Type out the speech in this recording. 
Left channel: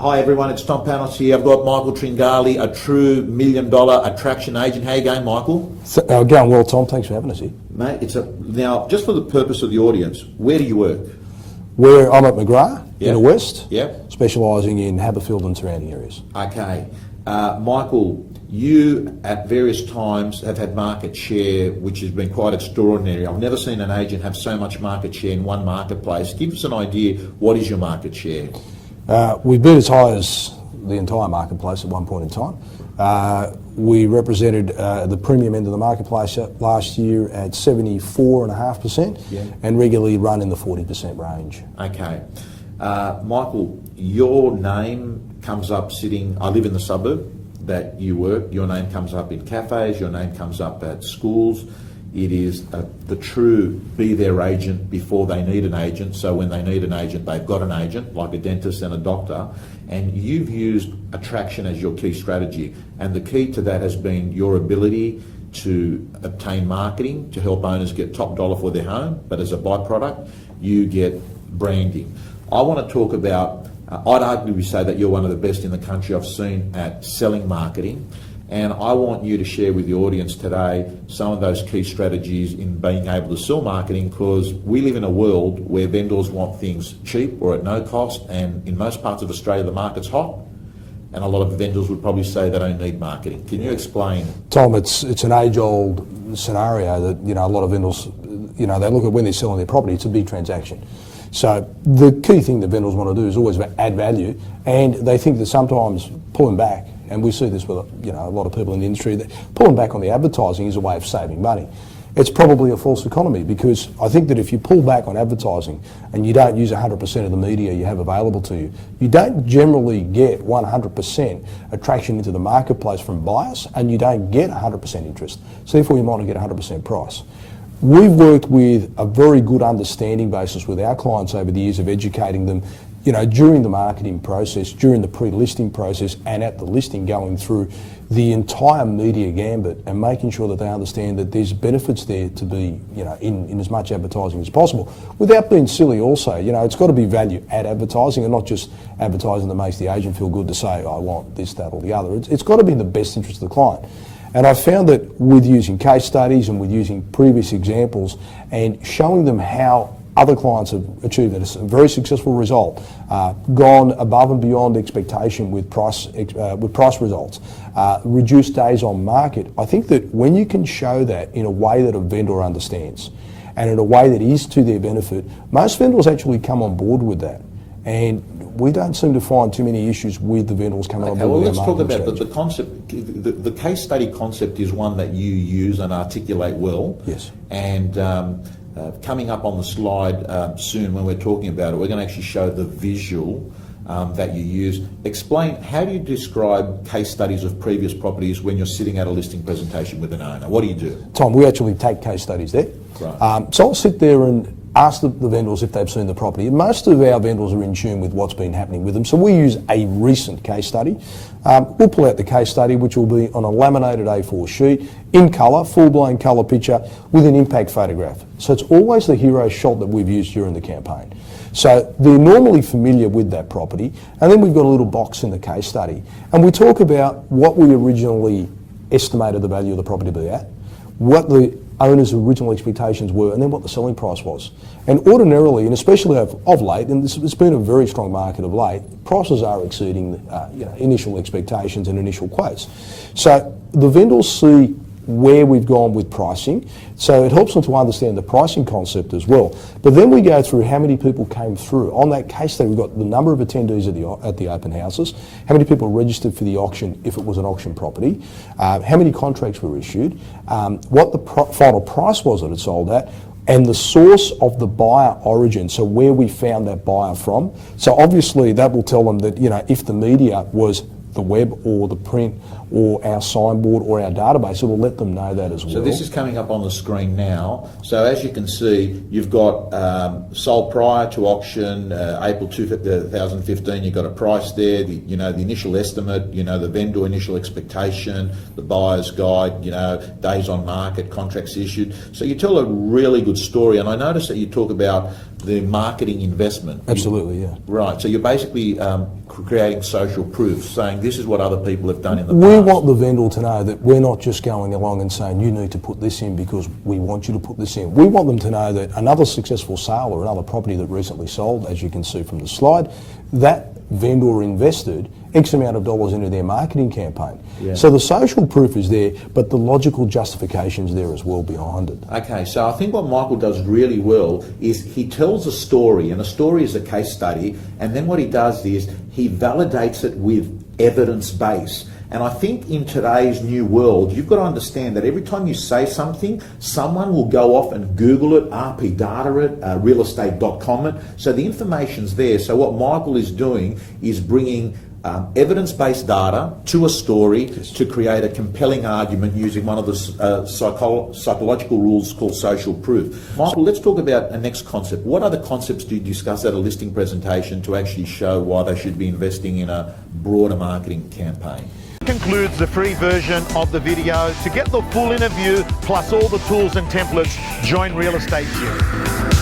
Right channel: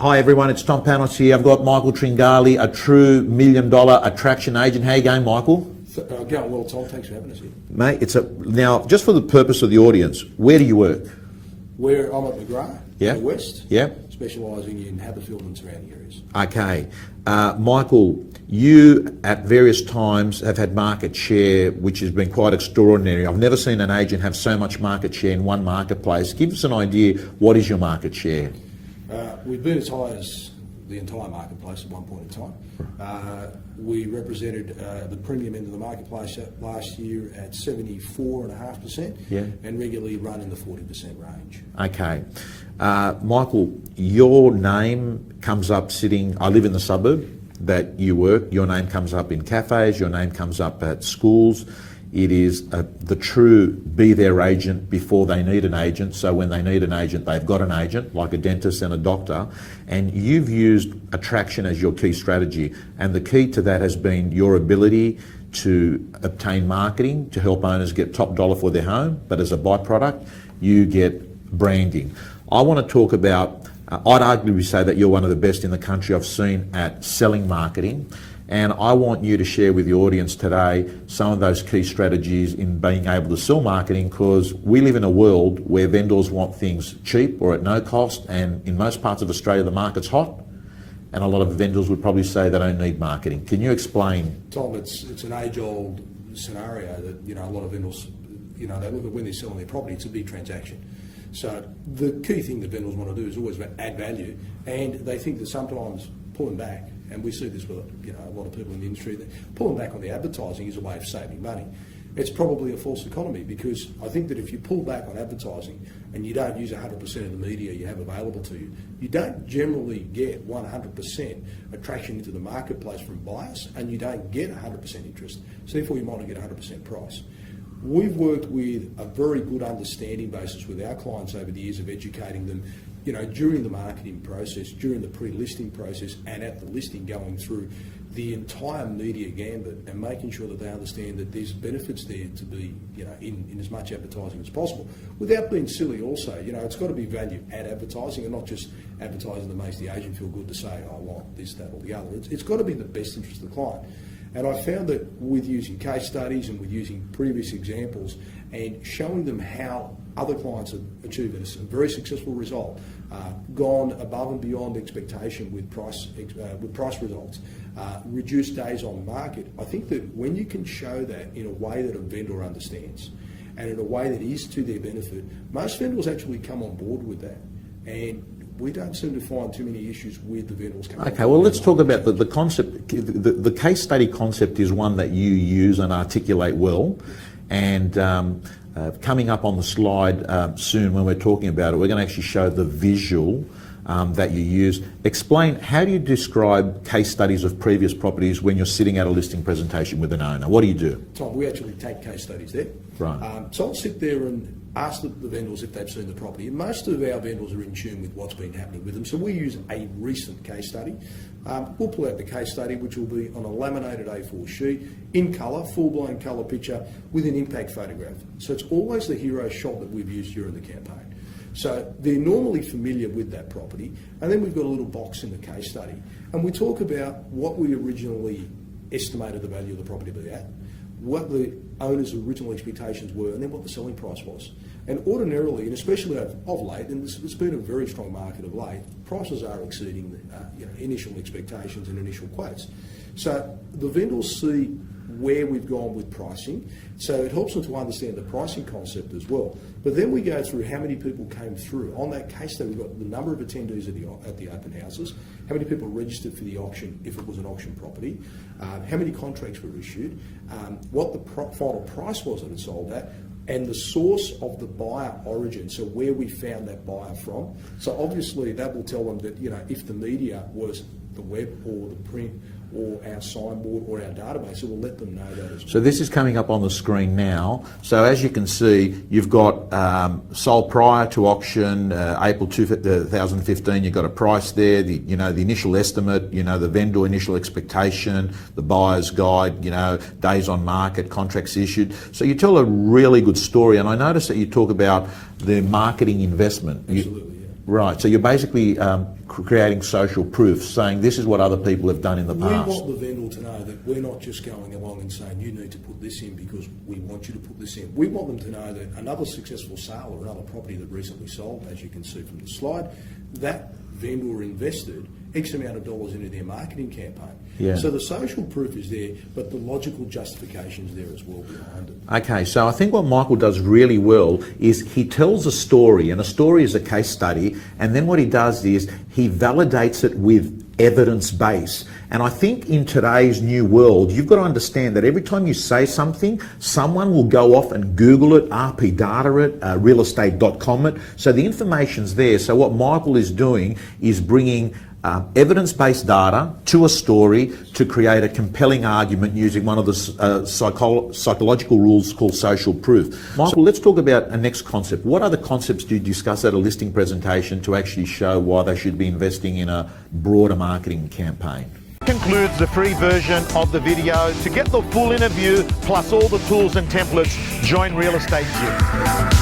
Hi everyone, it's Tom Panos here. I've got Michael Tringali, a true $1 million attraction agent. How you going, Michael? Going well, Tom. Thanks for having us here. Mate, now, just for the purpose of the audience, where do you work? I'm at McGrath in the West, Yep. specialising in Haberfield and surrounding areas. Okay. Michael, you at various times have had market share which has been quite extraordinary. I've never seen an agent have so much market share in one marketplace. Give us an idea, what is your market share? We've been as high as the entire marketplace at one point in time. We represented the premium end of the marketplace last year at 74.5% and regularly run in the 40% range. Okay. Michael, your name comes up sitting, I live in the suburb that you work, your name comes up in cafes, your name comes up at schools. It is the true be their agent before they need an agent. So when they need an agent, they've got an agent, like a dentist and a doctor. And you've used attraction as your key strategy. And the key to that has been your ability to obtain marketing to help owners get top dollar for their home. But as a byproduct, you get branding. I want to talk about, I'd arguably say that you're one of the best in the country I've seen at selling marketing. And I want you to share with the audience today some of those key strategies in being able to sell marketing, because we live in a world where vendors want things cheap or at no cost, and in most parts of Australia the market's hot, and a lot of vendors would probably say they don't need marketing. Can you explain? Tom, it's an age-old scenario that a lot of vendors, they look at when they're selling their property, it's a big transaction. So the key thing that vendors want to do is always add value, and they think that sometimes pulling back, and we see this with a lot of people in the industry, that pulling back on the advertising is a way of saving money. It's probably a false economy, because I think that if you pull back on advertising and you don't use 100% of the media you have available to you, you don't generally get 100% attraction into the marketplace from buyers, and you don't get 100% interest. So therefore you might not get 100% price. We've worked with a very good understanding basis with our clients over the years of educating them during the marketing process, during the pre-listing process, and at the listing, going through the entire media gambit and making sure that they understand that there's benefits there to be, in as much advertising as possible, without being silly also. It's got to be value add advertising, and not just advertising that makes the agent feel good to say, I want this, that, or the other. It's got to be in the best interest of the client. And I found that with using case studies and with using previous examples and showing them how other clients have achieved a very successful result, gone above and beyond expectation with price results, reduced days on market. I think that when you can show that in a way that a vendor understands and in a way that is to their benefit, most vendors actually come on board with that. And we don't seem to find too many issues with the vendors coming on board. Okay, well, let's talk about the concept. The case study concept is one that you use and articulate well. Yes. And coming up on the slide soon when we're talking about it, we're going to actually show the visual that you use. Explain, how do you describe case studies of previous properties when you're sitting at a listing presentation with an owner? What do you do? Tom, we actually take case studies there. Right. So I'll sit there and ask the vendors if they've seen the property. Most of our vendors are in tune with what's been happening with them, so we use a recent case study. We'll pull out the case study, which will be on a laminated A4 sheet, in colour, full-blown colour picture, with an impact photograph. So it's always the hero shot that we've used during the campaign. So they're normally familiar with that property, and then we've got a little box in the case study. And we talk about what we originally estimated the value of the property to be at, what the owner's original expectations were, and then what the selling price was. And ordinarily, and especially of late, and it's been a very strong market of late, prices are exceeding initial expectations and initial quotes. So the vendors see where we've gone with pricing, so it helps them to understand the pricing concept as well. But then we go through how many people came through. On that case study, we've got the number of attendees at the open houses, how many people registered for the auction if it was an auction property, how many contracts were issued, what the final price was that it sold at, and the source of the buyer origin, so where we found that buyer from. So obviously that will tell them that if the media was the web or the print or our signboard or our database, it will let them know that as well. So this is coming up on the screen now. So as you can see, you've got sold prior to auction, April 2015. You've got a price there. The initial estimate. The vendor initial expectation, the buyer's guide. Days on market, contracts issued. So you tell a really good story. And I noticed that you talk about the marketing investment. Absolutely, yeah. Right. So you're basically creating social proof, saying this is what other people have done in the past. We want the vendor to know that we're not just going along and saying you need to put this in because we want you to put this in. We want them to know that another successful sale or another property that recently sold, as you can see from the slide, that vendor invested X amount of dollars into their marketing campaign. Yeah. So the social proof is there, but the logical justification's there as well behind it. Okay, so I think what Michael does really well is he tells a story, and a story is a case study, and then what he does is he validates it with evidence base. And I think in today's new world, you've got to understand that every time you say something, someone will go off and Google it, RP data it, realestate.com it. So the information's there. So what Michael is doing is bringing evidence-based data to a story to create a compelling argument using one of the psychological rules called social proof. Michael, let's talk about a next concept. What other concepts do you discuss at a listing presentation to actually show why they should be investing in a broader marketing campaign? Concludes the free version of the video. To get the full interview plus all the tools and templates, join Real Estate Gym.